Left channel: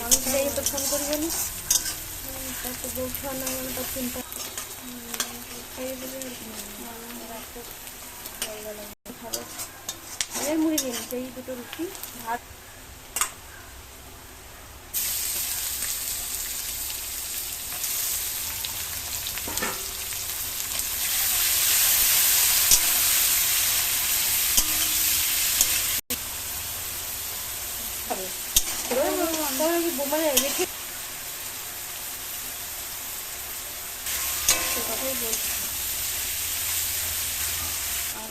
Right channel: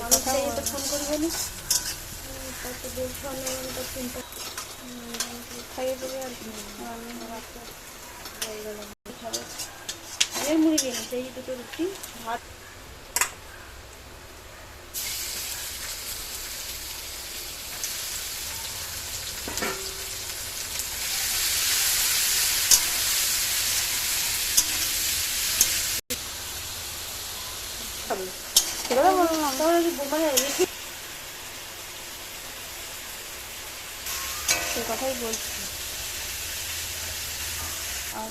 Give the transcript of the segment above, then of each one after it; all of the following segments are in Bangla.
মানুষ তো ফোন করবে না, কত বলছো না মানে তো চিন্তা খাইয়ে দেবে আর কি খাবে। আরে মুড়ি নিয়ে নিচ্ছে এই দুটো রুটি ভাত খাবে। মানে রেখে সে কথাই বলছি। আর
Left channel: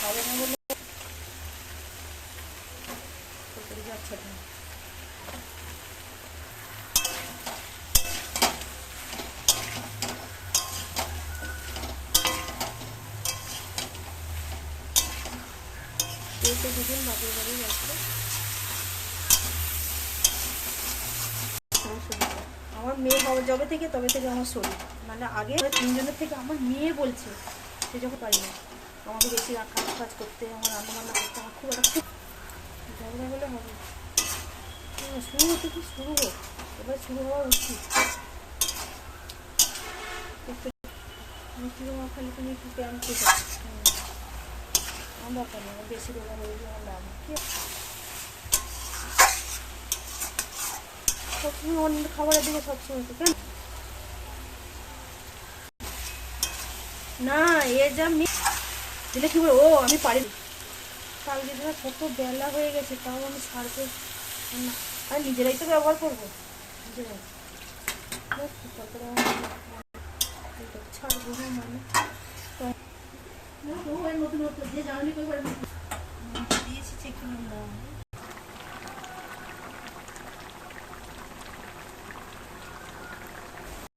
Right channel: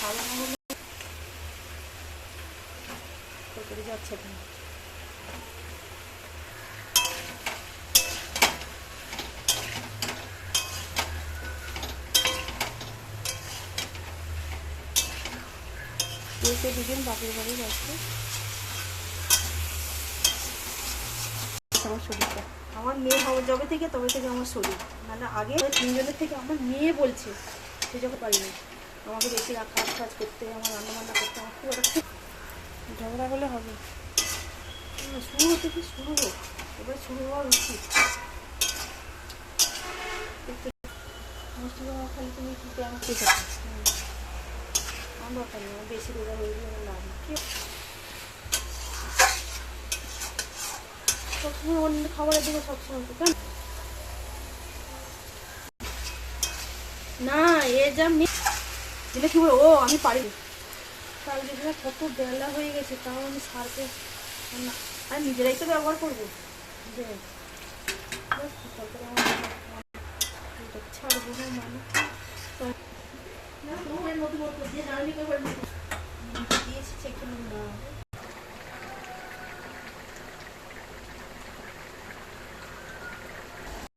ভালো না হলে করে যাচ্ছে না। এসে দুদিন বাপের বাড়ি যাচ্ছে। আমার শরীরটা আমার মেয়ে হওয়া যবে থেকে তবে থেকে আমার শরীর মানে আগে তিনজনের থেকে আমার মেয়ে বলছে সে যখন পারি না আমাকে বেশি কাজ কাজ করতে আমার রান্নাবান্না করতে আমার খুব একটা খুব ঝগড়া হলে হবে। শুরু হতে কি শুরু হোক, এবার শুরু হওয়া উচিত। মিষ্টি জমা খালি তুমি কি কেমন খেতে আমার ব্যাপার নেই, আমার বেশি রোজা হয়ে গেলে আমার লাভ নেই। সবসময় অন্য খাবারের দিকে সবসময় কেন না এ যা দিলে কি বলো ও আমি পারি তাই যদি কত বেলা হয়ে গেছে তাও আমি সারকে আর নিজেরাই তো ব্যবহার করবো নিজেরাই তারপরে আমার ছাড়বো মানে নতুন যে জানি